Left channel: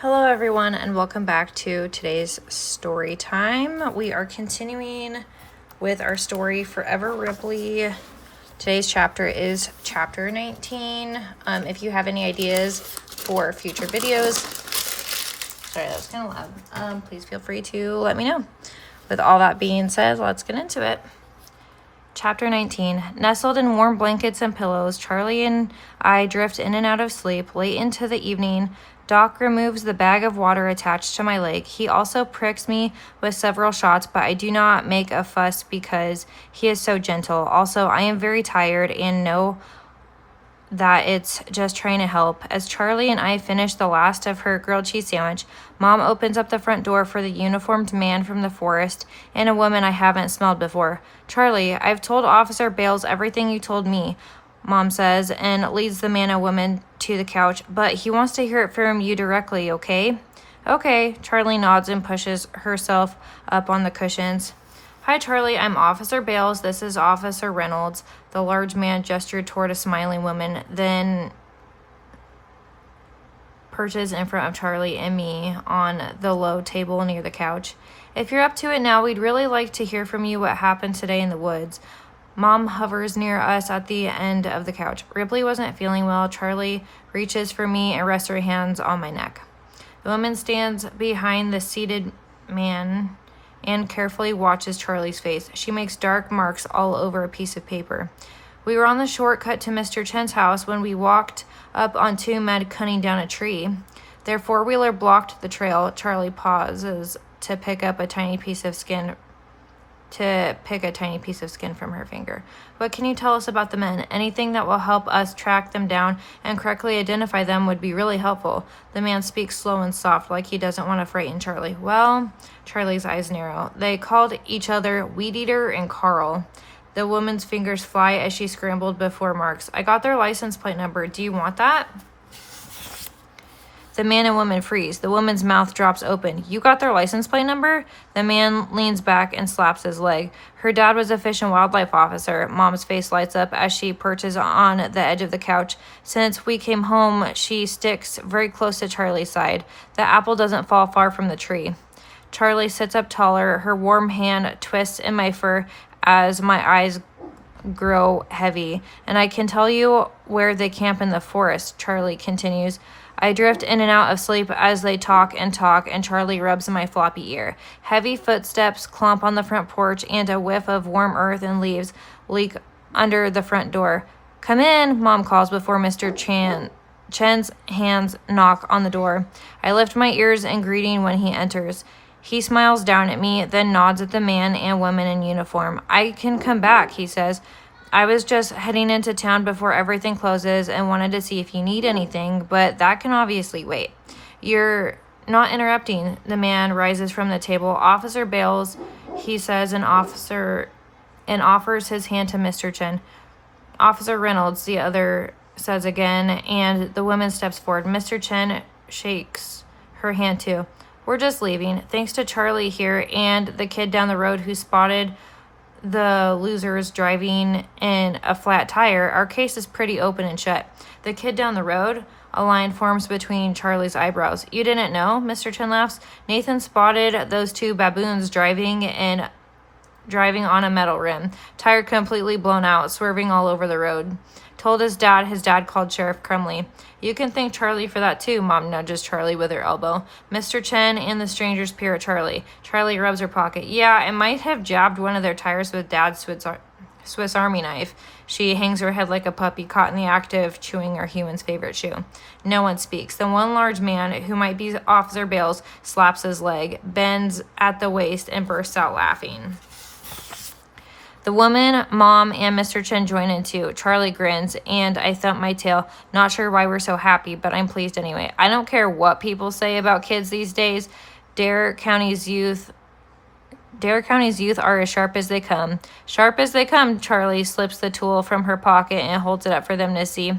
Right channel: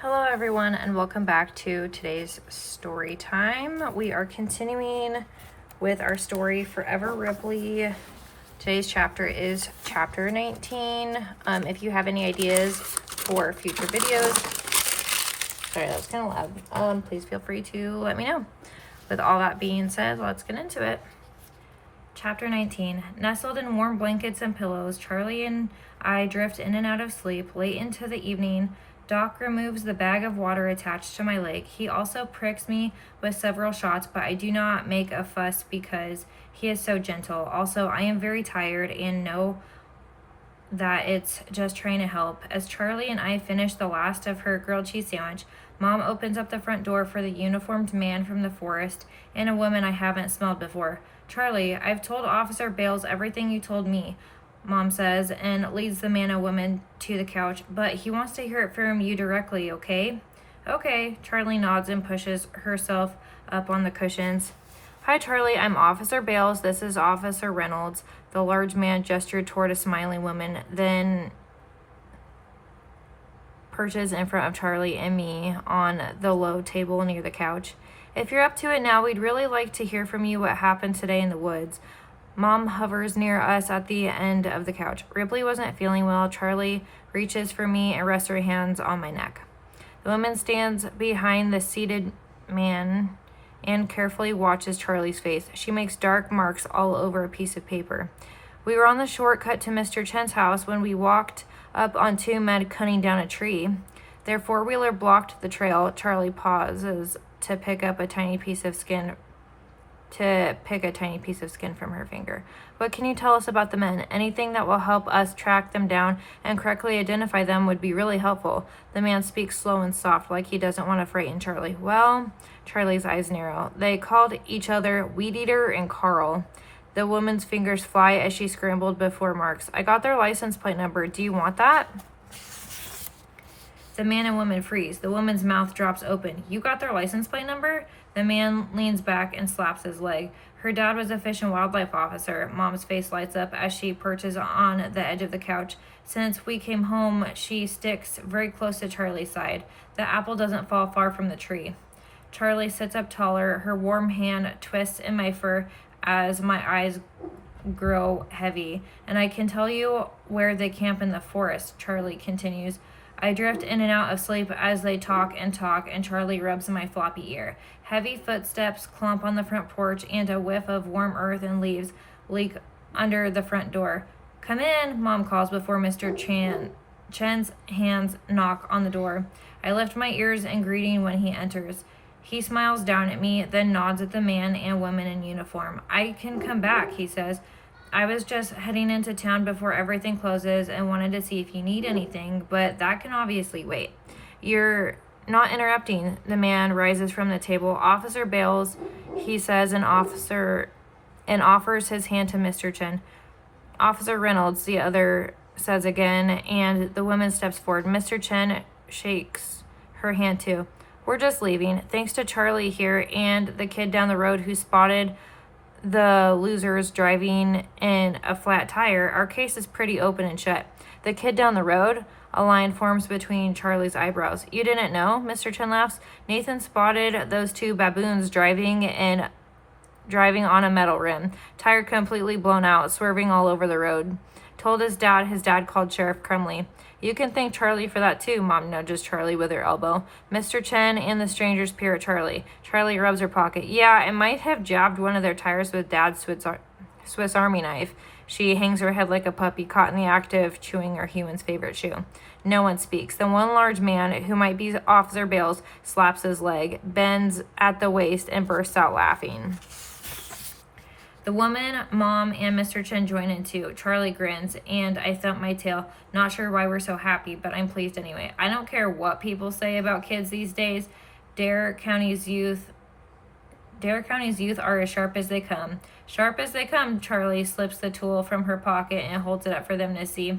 Hello everyone and welcome back to today's story time. We are continuing with our story Forever Ripley. Today's chapter is chapter 19. If you have any ideas for future videos, sorry that was kind of loud, please feel free to let me know. With all that being said, let's get into it. Chapter 19. Nestled in warm blankets and pillows, Charlie and I drift in and out of sleep. Late into the evening, Doc removes the bag of water attached to my leg. He also pricks me with several shots, but I do not make a fuss because he is so gentle. Also, I am very tired and know that it's just trying to help. As Charlie and I finish the last of her grilled cheese sandwich, Mom opens up the front door for the uniformed man from the forest and a woman I haven't smelled before. Charlie, I've told Officer Bales everything you told me, Mom says, and leads the man and woman to the couch, but he wants to hear it from you directly, okay? Okay, Charlie nods and pushes herself up on the cushions. Hi, Charlie, I'm Officer Bales. This is Officer Reynolds. The large man gestured toward a smiling woman, then perches in front of Charlie and me on the low table near the couch. If you're up to it now, we'd really like to hear from you what happened today in the woods. Mom hovers near us at the end of the couch. Ripley wasn't feeling well. Charlie reaches for me and rests her hands on my neck. The woman stands behind the seated man and carefully watches Charlie's face. She makes dark marks all over a piece of paper. We were on the shortcut to Mr. Chen's house when we walked up on two men cutting down a tree. Their four-wheeler blocked the trail. Charlie pauses to pick a tiny piece of skin from her finger. What can you tell us about the men? Anything that will help us track them down and correctly identify them would be really helpful. The man speaks slow and soft, like he doesn't want to frighten Charlie. Well, Charlie's eyes narrow. They called each other Weed Eater and Carl. The woman's fingers fly as she scrambled before marks. I got their license plate number. Do you want that? The man and woman freeze. The woman's mouth drops open. You got their license plate number? The man leans back and slaps his leg. Her dad was a fish and wildlife officer. Mom's face lights up as she perches on the edge of the couch. Since we came home, she sticks very close to Charlie's side. The apple doesn't fall far from the tree. Charlie sits up taller. Her warm hand twists in my fur as my eyes grow heavy. And I can tell you where they camp in the forest, Charlie continues. I drift in and out of sleep as they talk, and Charlie rubs my floppy ear. Heavy footsteps clomp on the front porch, and a whiff of warm earth and leaves leak under the front door. Come in, Mom calls before Mr. Chen's hands knock on the door. I lift my ears in greeting when he enters. He smiles down at me, then nods at the man and woman in uniform. I can come back, he says. I was just heading into town before everything closes and wanted to see if you need anything, but that can obviously wait. You're not interrupting. The man rises from the table. Officer Bales, he says, and offers his hand to Mr. Chen. Officer Reynolds, the other says again, and the woman steps forward. Mr. Chen shakes her hand too. We're just leaving. Thanks to Charlie here and the kid down the road who spotted the losers driving in a flat tire, our case is pretty open and shut. The kid down the road? A line forms between Charlie's eyebrows. You didn't know? Mr. Chen laughs. Nathan spotted those two baboons driving on a metal rim. Tire completely blown out, swerving all over the road. Told his dad called Sheriff Crumley. You can thank Charlie for that too, Mom nudges Charlie with her elbow. Mr. Chen and the strangers peer at Charlie. Charlie rubs her pocket. Yeah, I might have jabbed one of their tires with Dad's Swiss Army knife. She hangs her head like a puppy caught in the act of chewing her human's favorite shoe. No one speaks. The one large man, who might be Officer Bales, slaps his leg, bends at the waist, and bursts out laughing. The woman, Mom, and Mr. Chen join in too. Charlie grins, and I thump my tail. Not sure why we're so happy, but I'm pleased anyway. I don't care what people say about kids these days. Dare County's youth are as sharp as they come. Sharp as they come, Charlie slips the tool from her pocket and holds it up for them to see.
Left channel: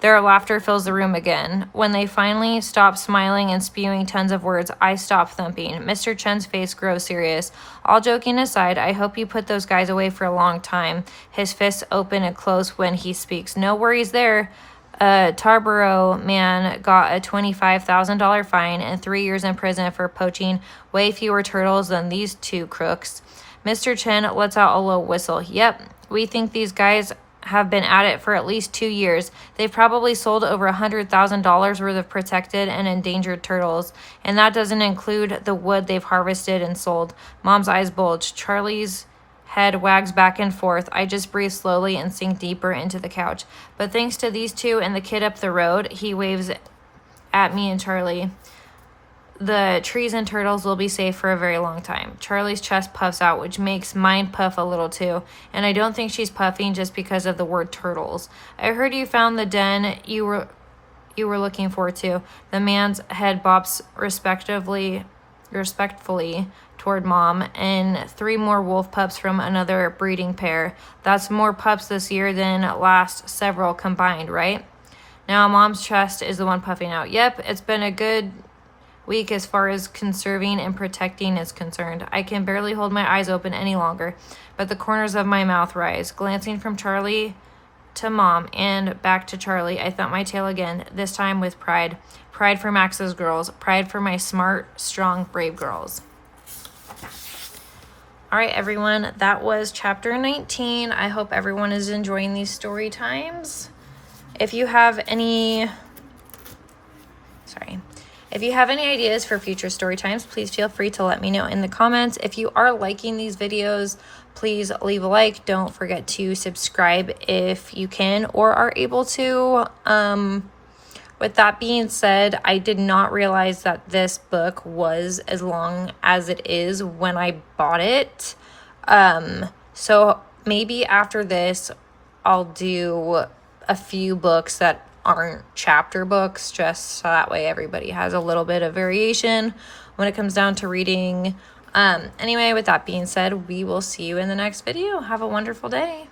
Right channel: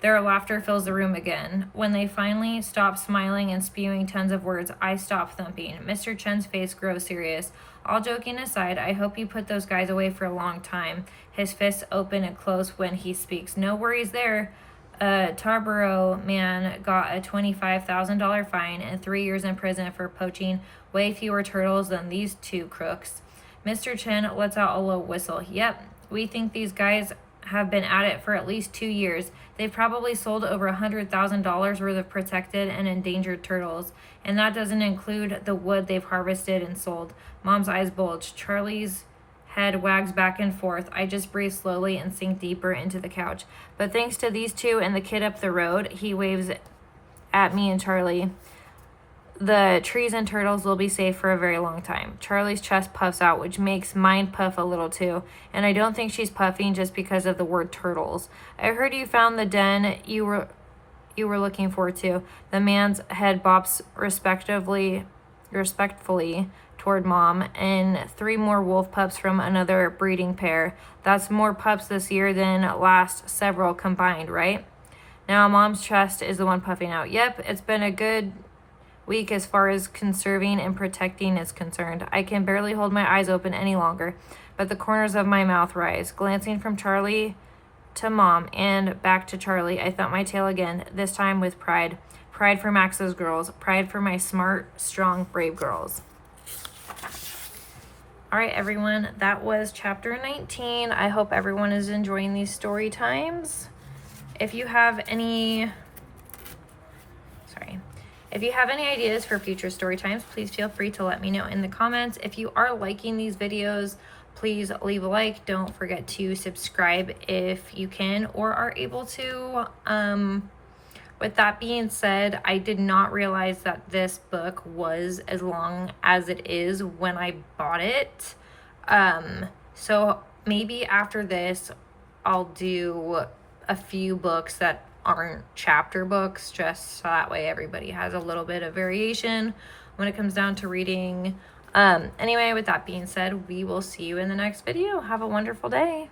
Their laughter fills the room again. When they finally stop smiling and spewing tons of words, I stop thumping. Mr. Chen's face grows serious. All joking aside, I hope you put those guys away for a long time. His fists open and close when he speaks. No worries there. A Tarboro man got a $25,000 fine and 3 years in prison for poaching way fewer turtles than these two crooks. Mr. Chen lets out a low whistle. Yep, we think these guys have been at it for at least 2 years. They've probably sold over $100,000 worth of protected and endangered turtles, and that doesn't include the wood they've harvested and sold. Mom's eyes bulge. Charlie's head wags back and forth. I just breathe slowly and sink deeper into the couch. But thanks to these two and the kid up the road, he waves at me and Charlie, the trees and turtles will be safe for a very long time. Charlie's chest puffs out, which makes mine puff a little too. And I don't think she's puffing just because of the word turtles. I heard you found the den you were looking for too. The man's head bops respectfully toward Mom, and 3 more wolf pups from another breeding pair. That's more pups this year than last several combined, right? Now Mom's chest is the one puffing out. Yep, it's been a good week as far as conserving and protecting is concerned. I can barely hold my eyes open any longer, but the corners of my mouth rise. Glancing from Charlie to Mom and back to Charlie, I thump my tail again, this time with pride. Pride for Max's girls. Pride for my smart, strong, brave girls. All right, everyone, that was chapter 19. I hope everyone is enjoying these story times. If you have any ideas for future story times, please feel free to let me know in the comments. If you are liking these videos, please leave a like. Don't forget to subscribe if you can or are able to. With that being said, I did not realize that this book was as long as it is when I bought it. So maybe after this, I'll do a few books that aren't chapter books, just so that way everybody has a little bit of variation when it comes down to reading. Anyway, with that being said, we will see you in the next video. Have a wonderful day.